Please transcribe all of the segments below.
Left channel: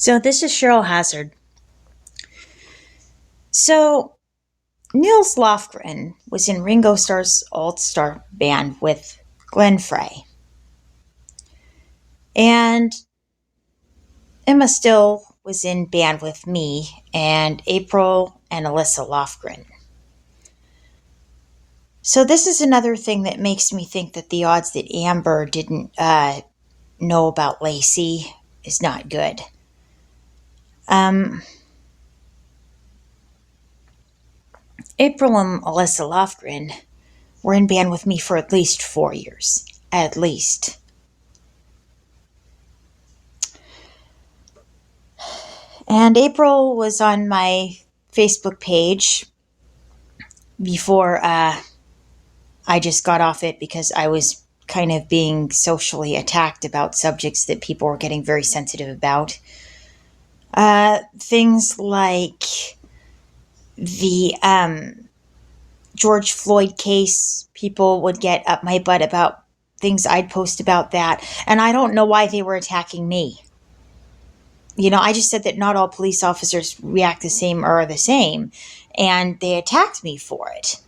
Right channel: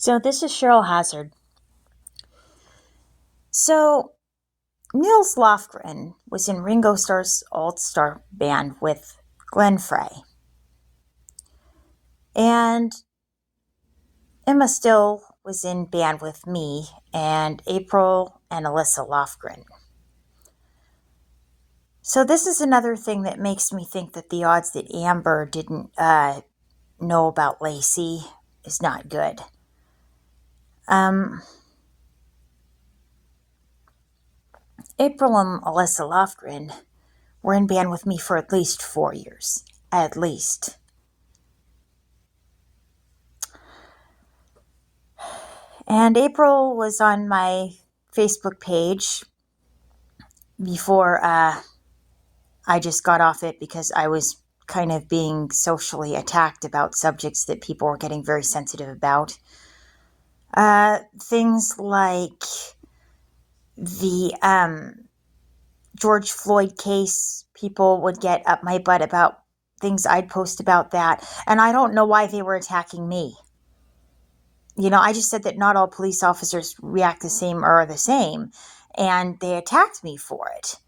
So this is Cheryl Hazard. So Nils Lofgren was in Ringo Starr's All-Star band with Glenn Frey. And Emma Still was in band with me and April and Alyssa Lofgren. So this is another thing that makes me think that the odds that Amber didn't know about Lacey is not good. April and Alyssa Lofgren were in band with me for at least 4 years. At least. And April was on my Facebook page before I just got off it because I was kind of being socially attacked about subjects that people were getting very sensitive about. Things like the George Floyd case. People would get up my butt about things I'd post about that. And I don't know why they were attacking me. I just said that not all police officers react the same or are the same. And they attacked me for it.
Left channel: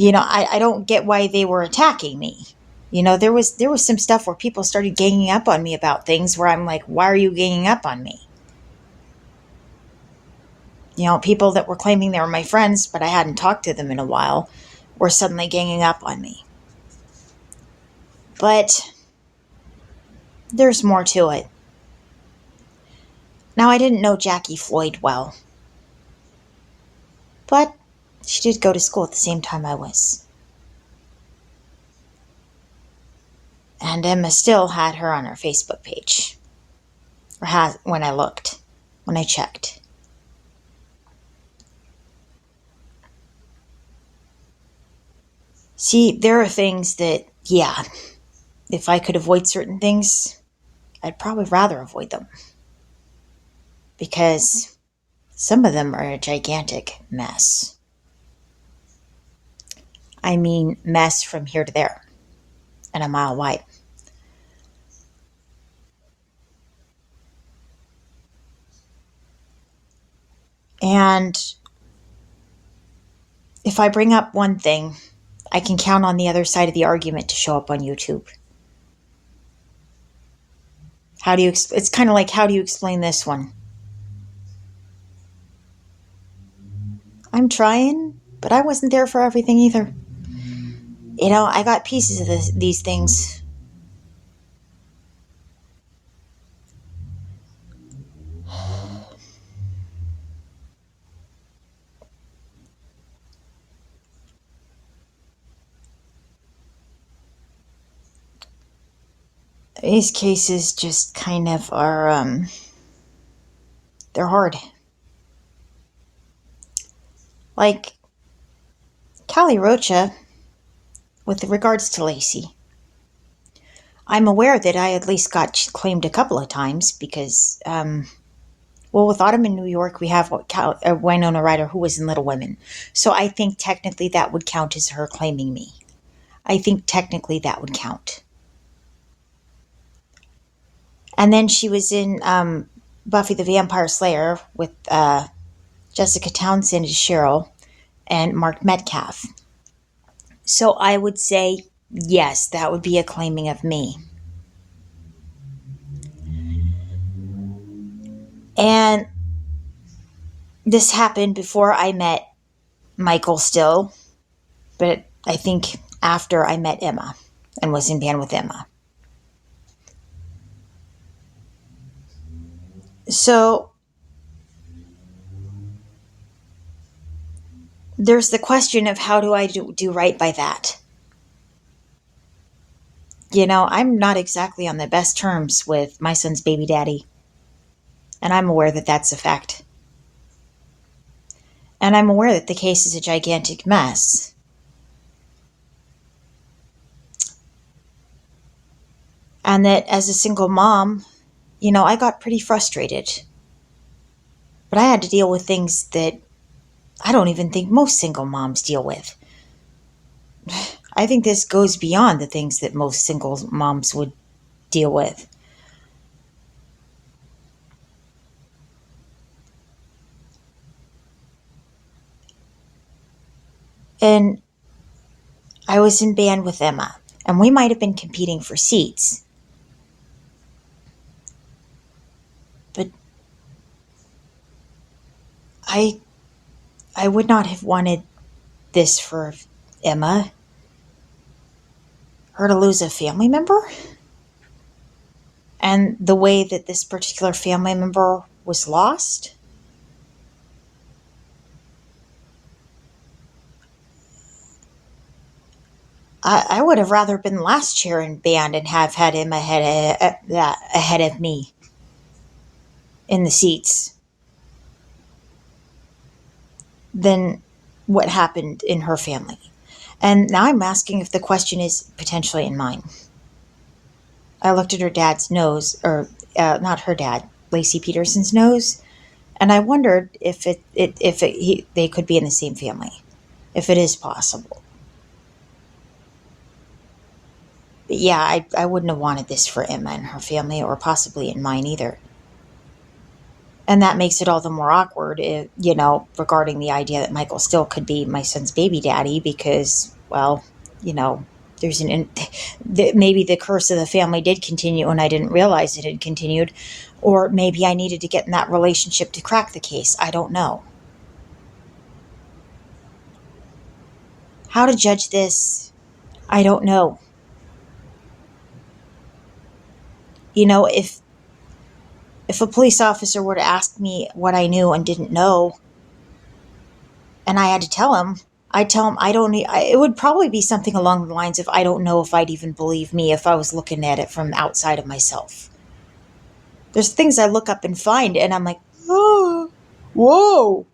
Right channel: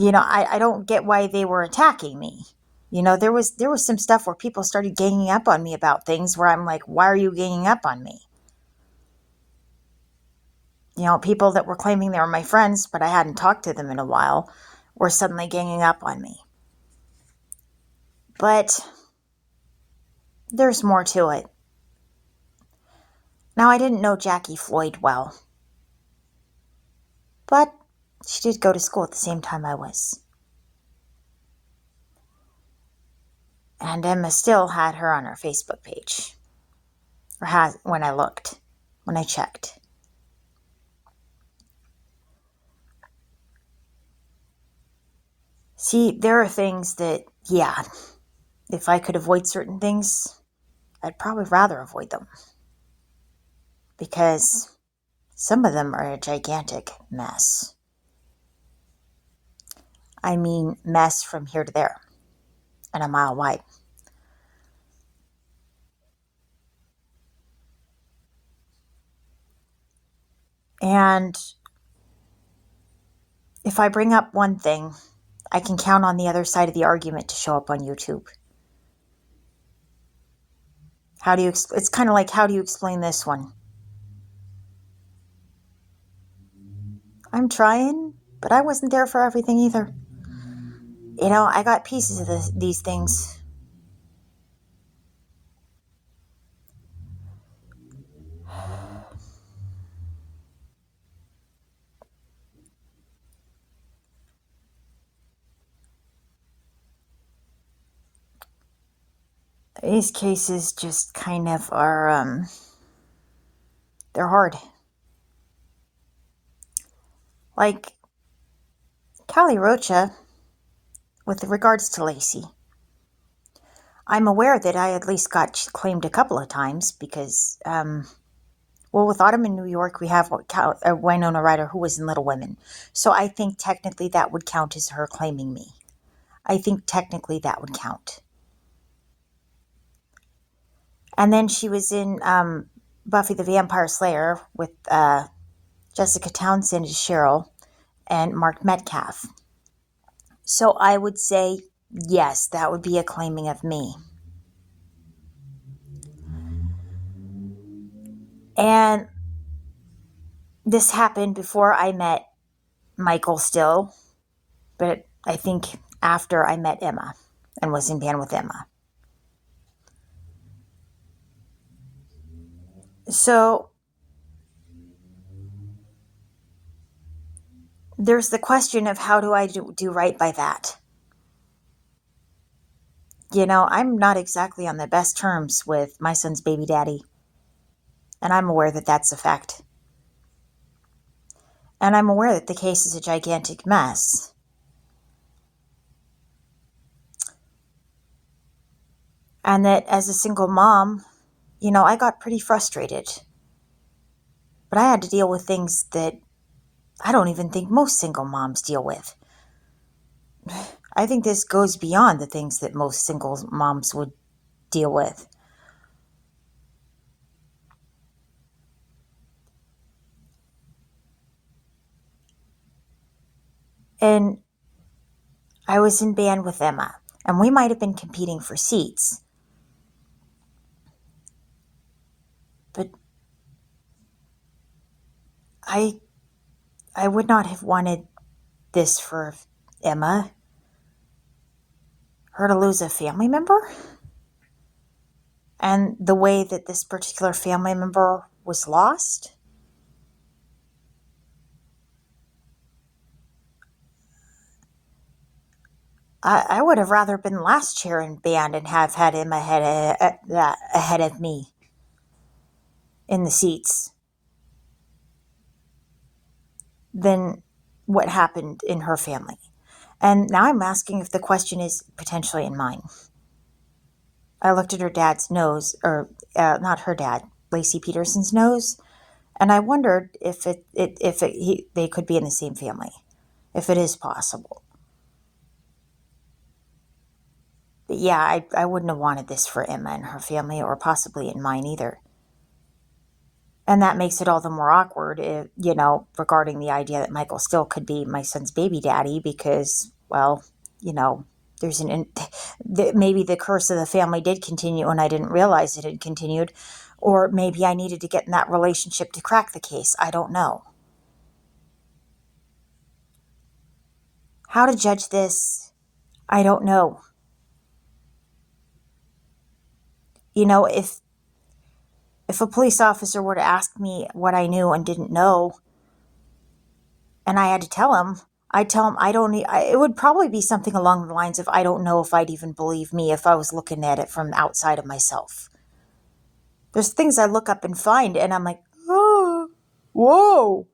I don't get why they were attacking me. There was some stuff where people started ganging up on me about things where I'm like, why are you ganging up on me? People that were claiming they were my friends, but I hadn't talked to them in a while, were suddenly ganging up on me. But there's more to it. Now, I didn't know Jackie Floyd well, but she did go to school at the same time I was. And Emma still had her on her Facebook page. Or has, when I checked. See, there are things that, yeah, if I could avoid certain things, I'd probably rather avoid them. Because some of them are a gigantic mess. I mean, mess from here to there and a mile wide. And if I bring up one thing, I can count on the other side of the argument to show up on YouTube. It's kind of like, how do you explain this one? I'm trying, but I wasn't there for everything either. I got pieces of these things. These cases just kind of are, they're hard. Like Callie Rocha, with regards to Lacey, I'm aware that I at least got claimed a couple of times because, with Autumn in New York, we have Winona Ryder who was in Little Women. So I think technically that would count as her claiming me. I think technically that would count. And then she was in Buffy the Vampire Slayer with Jessica Townsend as Cheryl and Mark Metcalf. So I would say, yes, that would be a claiming of me. And this happened before I met Michael Still, but I think after I met Emma and was in band with Emma. So there's the question of how do I do right by that? I'm not exactly on the best terms with my son's baby daddy. And I'm aware that that's a fact. And I'm aware that the case is a gigantic mess. And that as a single mom, I got pretty frustrated. But I had to deal with things that I don't even think most single moms deal with. I think this goes beyond the things that most single moms would deal with. And I was in band with Emma, and we might have been competing for seats. But I I would not have wanted this for Emma, her to lose a family member. And the way that this particular family member was lost, I would have rather been last chair in band and have had him ahead of me in the seats than what happened in her family. And now I'm asking if the question is potentially in mine. I looked at her dad's nose, or not her dad, Lacey Peterson's nose, and I wondered if they could be in the same family, if it is possible. But yeah, I wouldn't have wanted this for Emma and her family, or possibly in mine either. And that makes it all the more awkward, regarding the idea that Michael still could be my son's baby daddy because, well, you know, there's maybe the curse of the family did continue and I didn't realize it had continued, or maybe I needed to get in that relationship to crack the case. I don't know. How to judge this, I don't know. If a police officer were to ask me what I knew and didn't know, and I had to tell him, I'd tell him I don't. It would probably be something along the lines of I don't know if I'd even believe me if I was looking at it from outside of myself. There's things I look up and find, and I'm like, oh, whoa.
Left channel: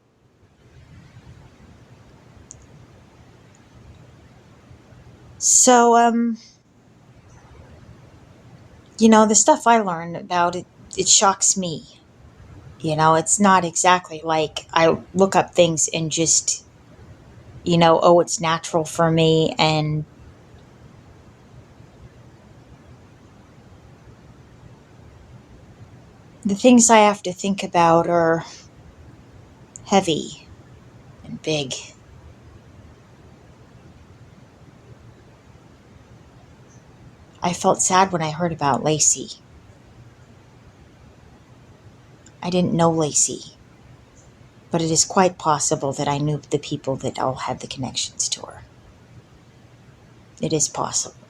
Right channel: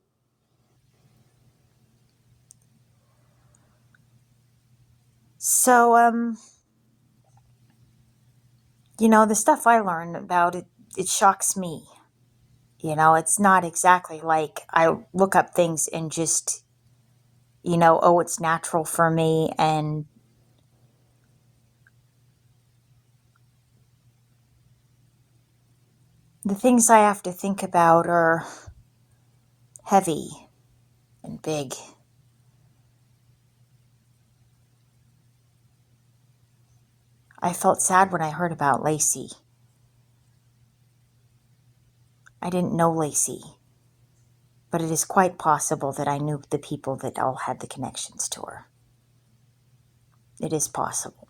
So, the stuff I learn about it, it shocks me. It's not exactly like I look up things and just, oh, it's natural for me. And the things I have to think about are heavy and big. I felt sad when I heard about Lacey. I didn't know Lacey, but it is quite possible that I knew the people that all had the connections to her. It is possible.